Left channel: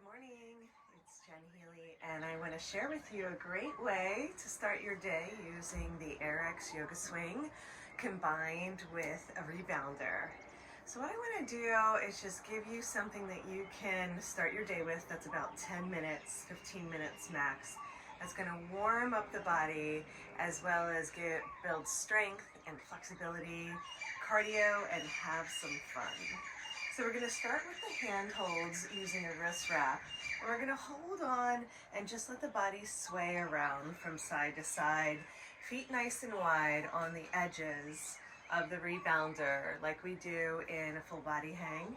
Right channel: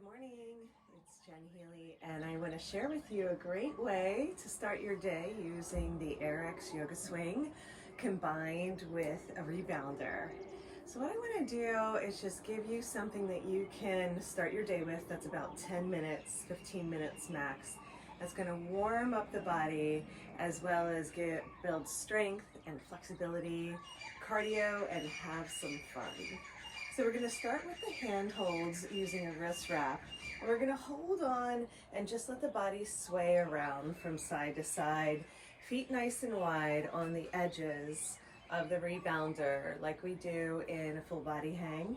Good morning, it's Healy, and I want to share with you a great way to start your day using the AYRx Yoga Swing combined with a rebounder. So what I want to do is just give you something that you can start your day with that's about 10 minutes, 15 minutes max. That's going to warm up the body as well as build strength and flexibility, cardio, and have some fun. So we're going to start with the hand holds using a wrist wrap. And we're going to hold on and just let the body sway around from side to side, feet nice and wide on the edges of the rebounder like we do in a full body hang.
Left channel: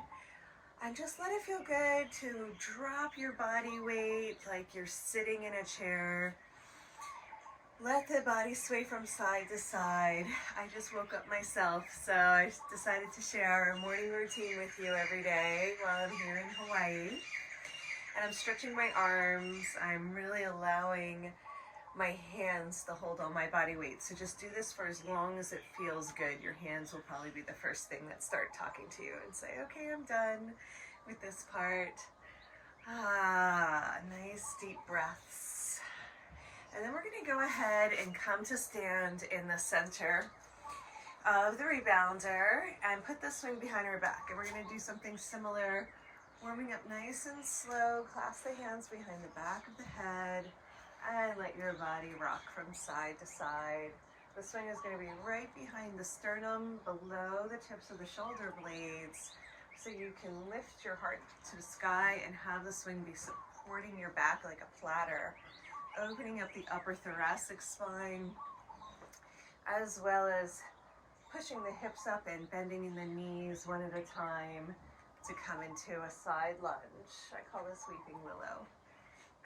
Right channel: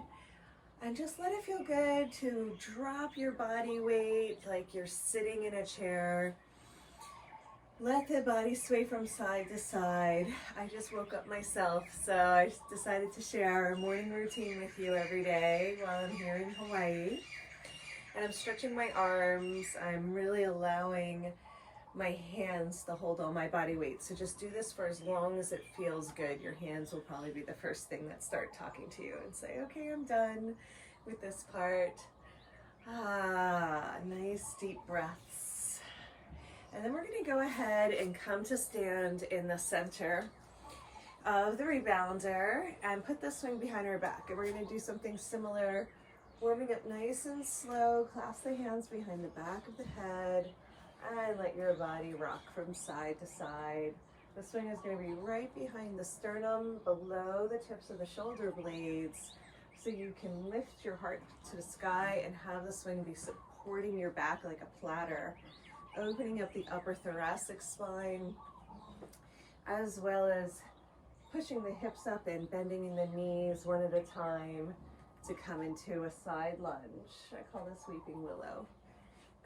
And just let it feel good to drop your body weight like you're sitting in a chair. Let the body sway from side to side. I just woke up myself, so I decided to share a morning routine with you every day while I'm here in Hawaii. And I'm stretching my arms. I'm really allowing my hands to hold all my body weight. So just do this for as long as it feels good. Your hands will probably be the first thing that start talking to you and say, okay, I'm done with this part. Nice deep breaths. And then we're going to go ahead and come to stand in the center of the rebounder and put the swing behind our back. And we're going to do something similar, warming up nice and slow. Clasp the hands behind the back of the head and let your body rock from side to side. The swing is going to be right behind the sternum, below the tips of the shoulder blades, so you can lift your heart to the sky and have the swing be supporting your back like a platter, opening up the upper thoracic spine, as well as pushing the hips up and bending in the knees one at a time to come into a side lunge. I call this Weeping Willow.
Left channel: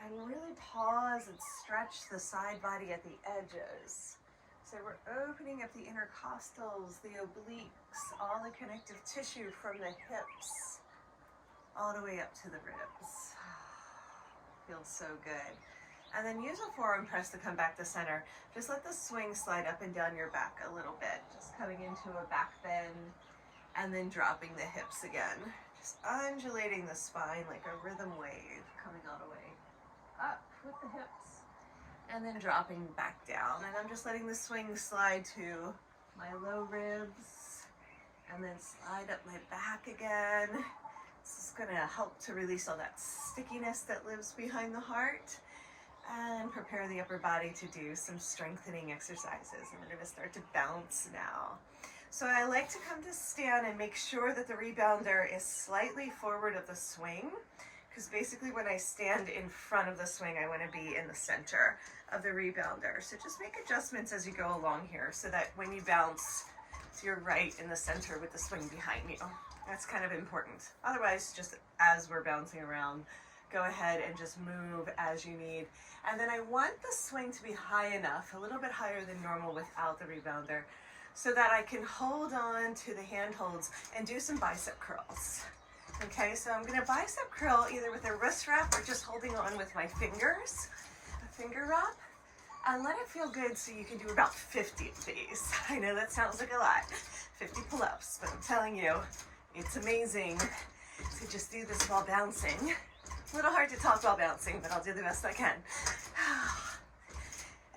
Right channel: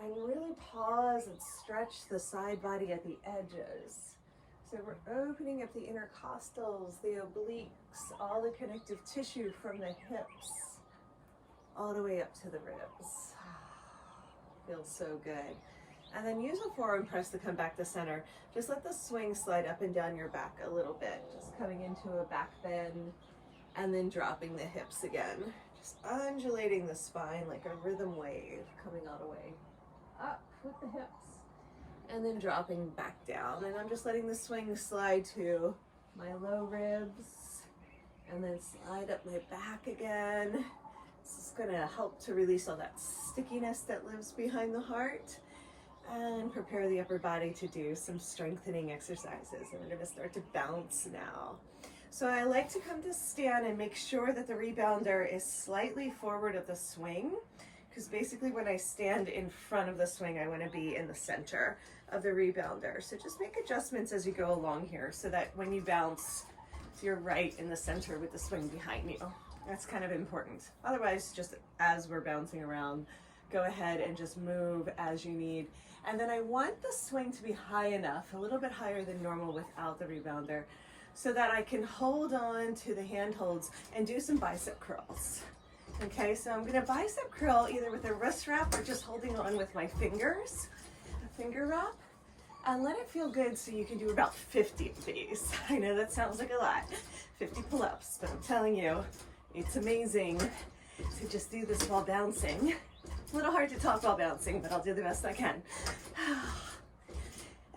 And really pause and stretch the side body at the edges. So we're opening up the intercostals, the obliques, all the connective tissue from the hips, all the way up to the ribs. Feels so good. And then use a forearm press to come back to center. Just let the swing slide up and down your back a little bit, just coming into a back bend and then dropping the hips again. Just undulating the spine like a rhythm wave, coming all the way up with the hips and then dropping back down. And I'm just letting the swing slide to my low ribs and then slide up my back again. This is gonna help to release all that stickiness that lives behind the heart and prepare the upper body to do some strengthening exercises. And we're gonna start to bounce now. So I like to come to stand and make sure that the rebounder is slightly forward of the swing, because basically when I stand in front of the swing, I wanna be in the center of the rebounder. So just make adjustments as you go along here so that when you bounce, so you're right in the center with the swing behind you. That's kind of important. Otherwise, just as we're bouncing around, go ahead and just move as you need. And then I want the swing to be high enough, a little bit higher than normal without the rebounder, so that I can hold on to the handholds and do some bicep curls. Okay, so I'm gonna bicep curl either with a wrist wrap or just holding on with my fingers, a finger wrap, and let it feel good so you can do about 50 of these. I know that sounds like a lot, 50 pull-ups, but I'm telling you, it's amazing to just do this while bouncing. A little hard to talk while bouncing, but I'll do the best I can.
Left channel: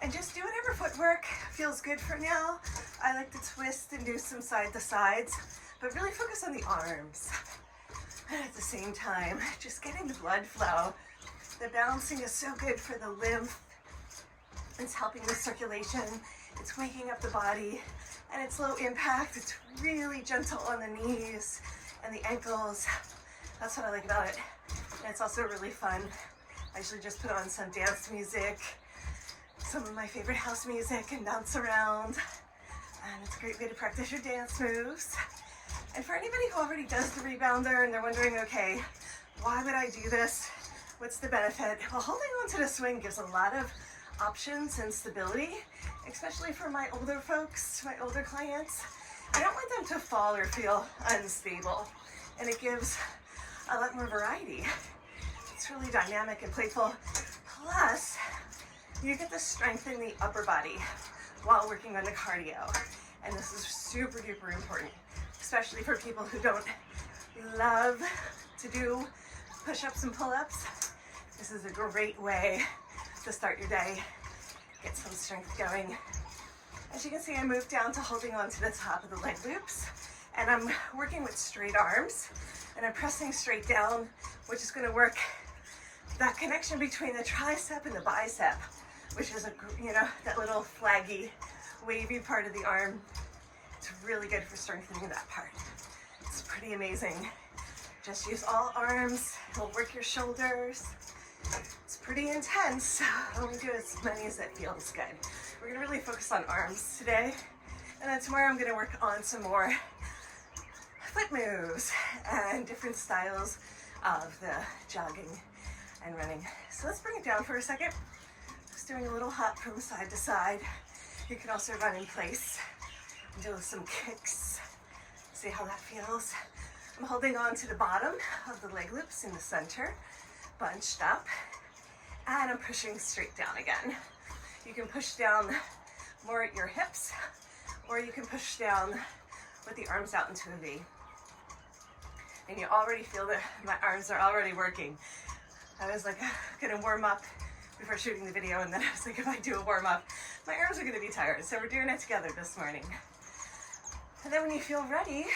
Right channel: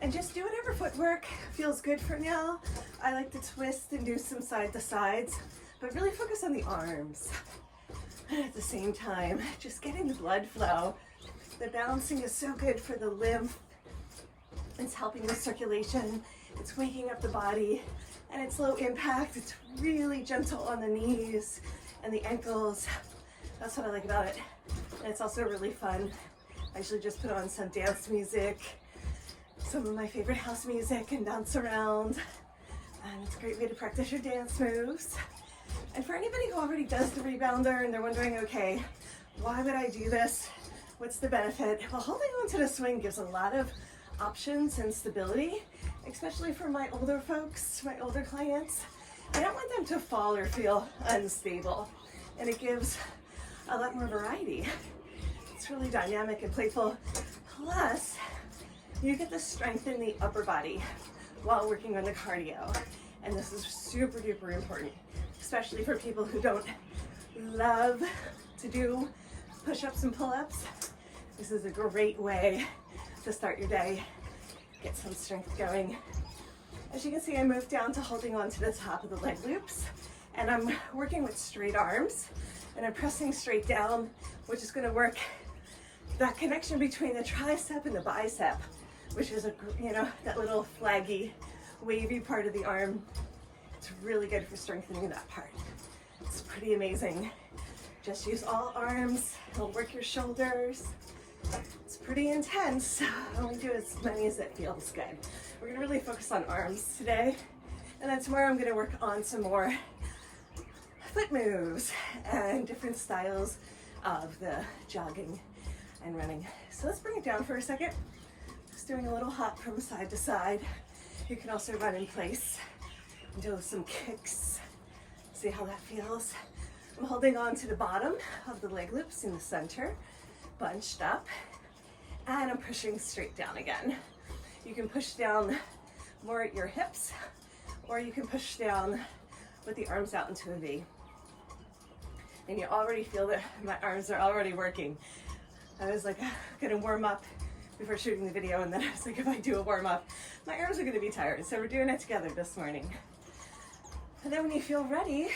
And just do whatever footwork feels good for now. I like to twist and do some side to sides, but really focus on the arms. And at the same time, just getting the blood flow. The bouncing is so good for the lymph. It's helping with circulation. It's waking up the body, and it's low impact. It's really gentle on the knees and the ankles. That's what I like about it. And it's also really fun. I usually just put on some dance music, some of my favorite house music, and bounce around. And it's a great way to practice your dance moves. And for anybody who already does the rebounder and they're wondering, okay, why would I do this? What's the benefit? Well, holding on to the swing gives a lot of options and stability, especially for my older folks, my older clients. I don't want them to fall or feel unstable. And it gives a lot more variety. It's really dynamic and playful. Plus, you get to strengthen the upper body while working on the cardio. And this is super duper important, especially for people who don't love to do push-ups and pull-ups. This is a great way to start your day, get some strength going. As you can see, I moved down to holding on to the top of the leg loops, and I'm working with straight arms, and I'm pressing straight down, which is gonna work that connection between the tricep and the bicep, which is that little flaggy, wavy part of the arm. It's really good for strengthening that part. It's pretty amazing. Just use all arms. It'll work your shoulders. It's pretty intense, so only do as many as it feels good. We're gonna really focus on arms today, and then tomorrow I'm gonna work on some more foot moves and different styles of the jogging and running. So let's bring it down for a second. Just doing a little hop from side to side. You can also run in place and do some kicks. See how that feels? I'm holding on to the bottom of the leg loops in the center, bunched up, and I'm pushing straight down again. You can push down more at your hips, or you can push down with the arms out into a V. And you already feel that my arms are already working. I was like, gonna warm up before shooting the video, and then I was like, if I do a warm up, my arms are gonna be tired. So we're doing it together this morning. And then when you feel ready,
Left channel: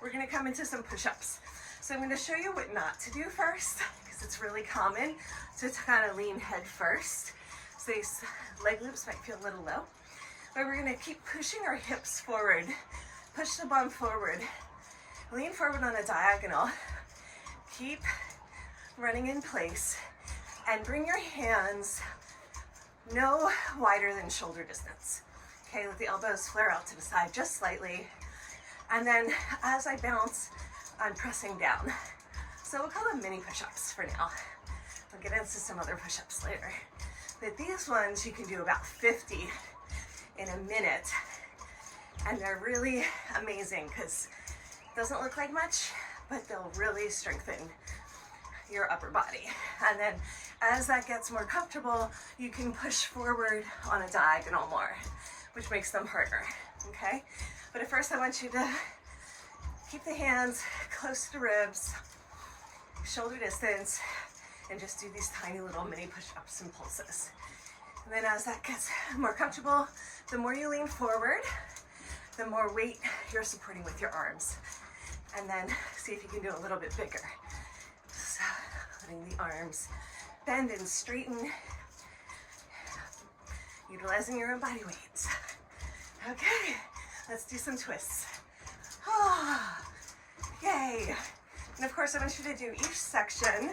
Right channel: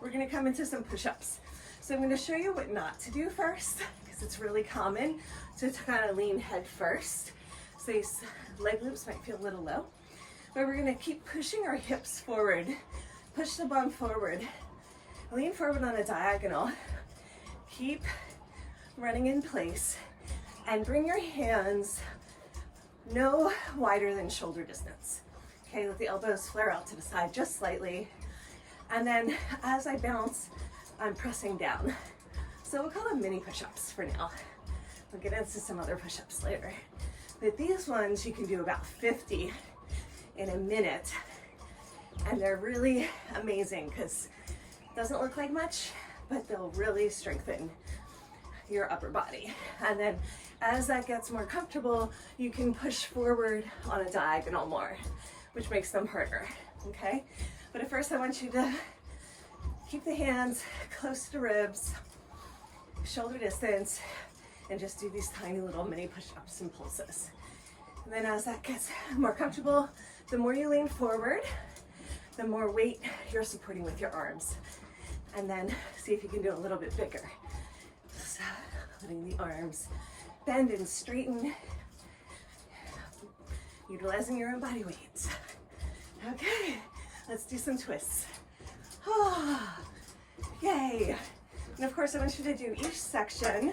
we're gonna come into some push-ups. So I'm gonna show you what not to do first, because it's really common to kind of lean head first. So these leg loops might feel a little low, but we're gonna keep pushing our hips forward. Push the bum forward. Lean forward on a diagonal. Keep running in place, and bring your hands no wider than shoulder distance. Okay, let the elbows flare out to the side just slightly. And then as I bounce, I'm pressing down. So we'll call them mini push-ups for now. We'll get into some other push-ups later. But these ones, you can do about 50 in a minute. And they're really amazing because it doesn't look like much, but they'll really strengthen your upper body. And then as that gets more comfortable, you can push forward on a diagonal more, which makes them harder, okay? But at first I want you to keep the hands close to the ribs, shoulder distance, and just do these tiny little mini push-ups and pulses. And then as that gets more comfortable, the more you lean forward, the more weight you're supporting with your arms. And then see if you can do a little bit bigger. So letting the arms bend and straighten, utilizing your own body weight. Okay, let's do some twists. Oh, yay. And of course I want you to do each section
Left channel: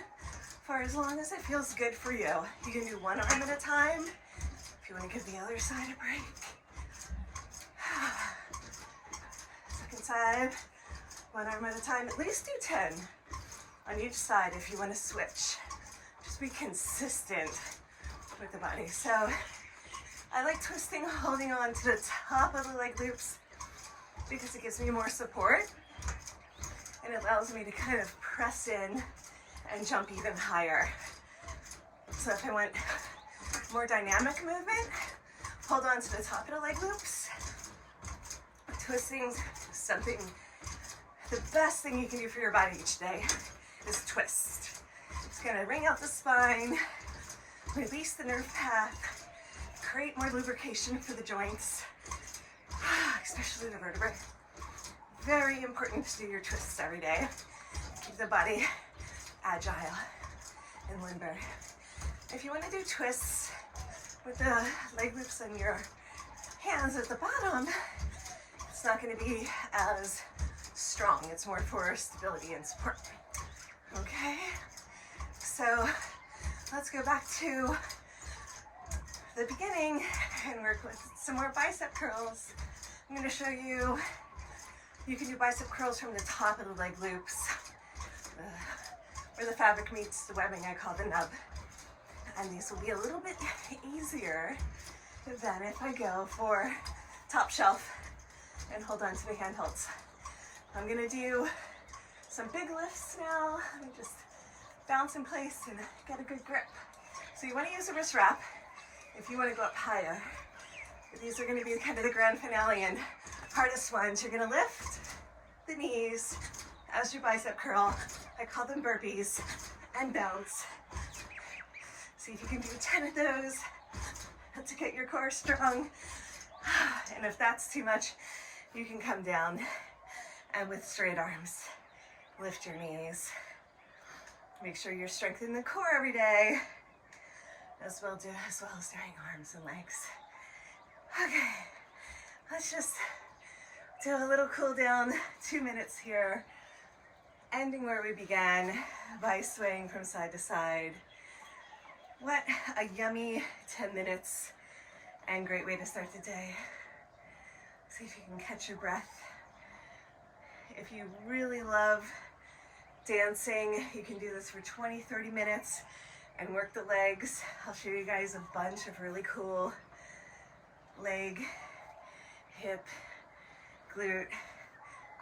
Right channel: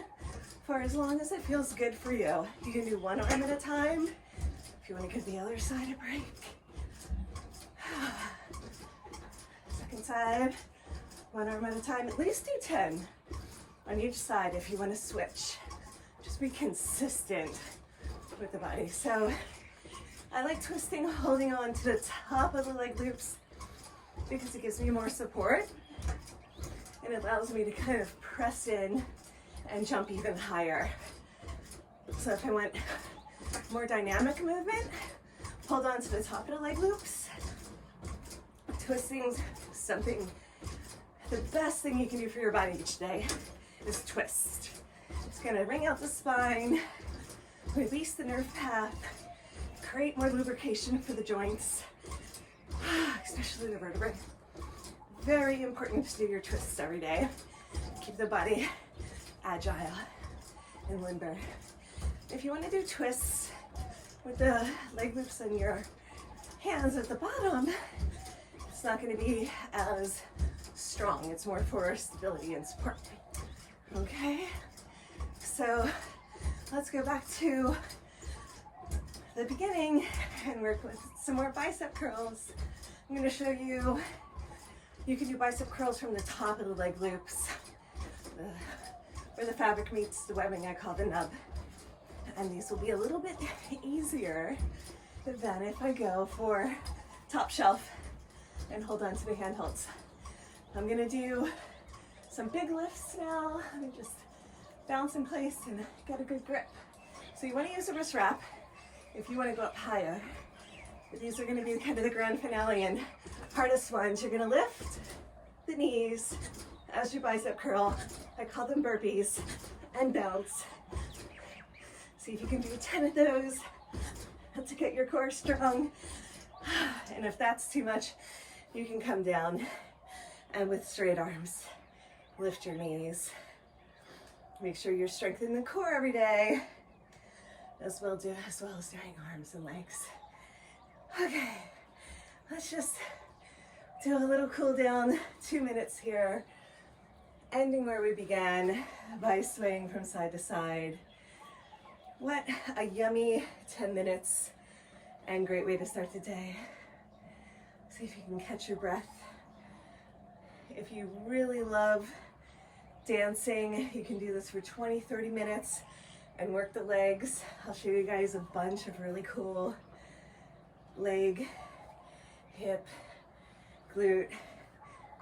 for as long as it feels good for you. You can do one arm at a time. If you want to give the other side a break. Second side, one arm at a time. At least do 10 on each side if you want to switch. Just be consistent with the body. So I like twisting, holding on to the top of the leg loops because it gives me more support and it allows me to kind of press in and jump even higher. So if I want more dynamic movement, hold on to the top of the leg loops. Twisting something, the best thing you can do for your body each day is twist. It's gonna wring out the spine, release the nerve path, create more lubrication for the joints, especially the vertebrae. Very important to do your twists every day. Keep the body agile and limber. If you want to do twists with the leg loops and your hands at the bottom, it's not going to be as strong. It's more for stability and support. Okay, so let's go back to the beginning and work with some more bicep curls. I'm going to show you, you can do bicep curls from the top of the leg loops. Where the fabric meets the webbing, I call the nub. And these will be a little bit easier than if I go for top shelf and hold on to the handholds. I'm gonna do some big lifts now. Let me just bounce in place and get a good grip. So you wanna use a wrist wrap if you wanna go up higher. But these are gonna be kind of the grand finale and hardest ones. You're gonna lift the knees as you bicep curl I call them burpees, and bounce. See if you can do 10 of those to get your core strong. And if that's too much, you can come down and with straight arms, lift your knees. Make sure you're strengthening the core every day, as well as doing arms and legs. Okay, let's just do a little cool down, 2 minutes here, ending where we began by swaying from side to side. What a yummy 10 minutes and great way to start the day. See if you can catch your breath. If you really love dancing, you can do this for 20, 30 minutes and work the legs. I'll show you guys a bunch of really cool leg, hip, glute,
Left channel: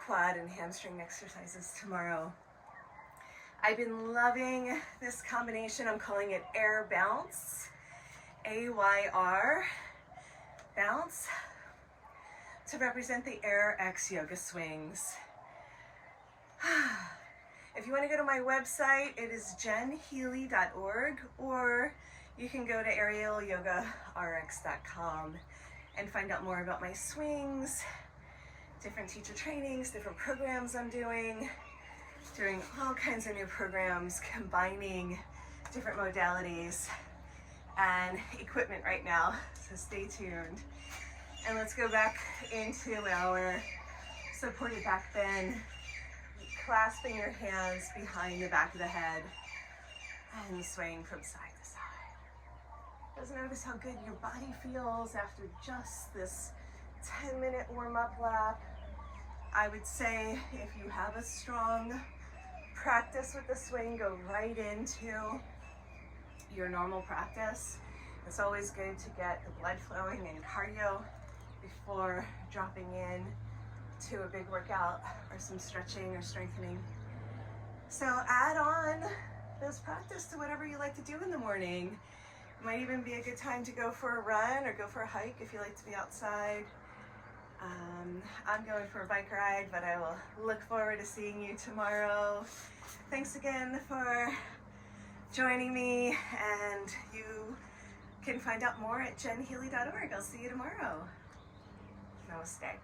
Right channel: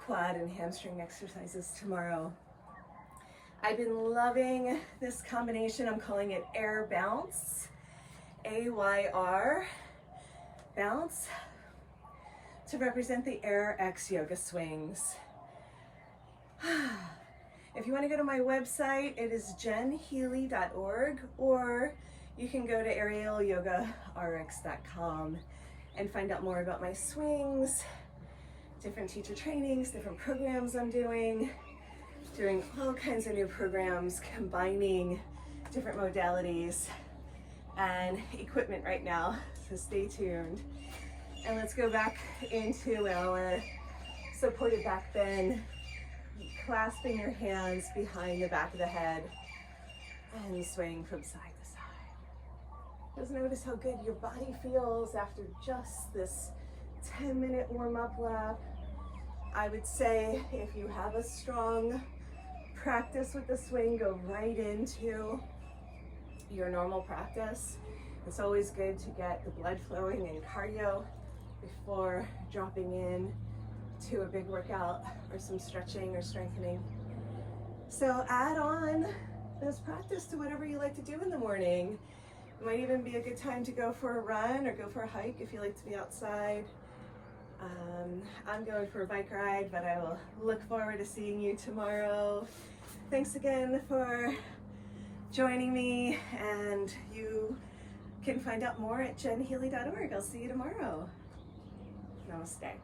quad, and hamstring exercises tomorrow. I've been loving this combination. I'm calling it Air Bounce, AYR Bounce, to represent the AYRx Yoga Swings. If you want to go to my website, it is jenhealy.org, or you can go to aerialyogarx.com and find out more about my swings, different teacher trainings, different programs I'm doing all kinds of new programs, combining different modalities and equipment right now, so stay tuned. And let's go back into our supported back bend, clasping your hands behind the back of the head and swaying from side to side. Just notice how good your body feels after just this 10-minute warm-up lap. I would say if you have a strong practice with the swing, go right into your normal practice. It's always good to get the blood flowing and cardio before dropping in to a big workout or some stretching or strengthening. So add on this practice to whatever you like to do in the morning. It might even be a good time to go for a run or go for a hike if you like to be outside. I'm going for a bike ride, but I will look forward to seeing you tomorrow. Thanks again for joining me, and you can find out more at jenhealy.org. I'll see you tomorrow. Namaste.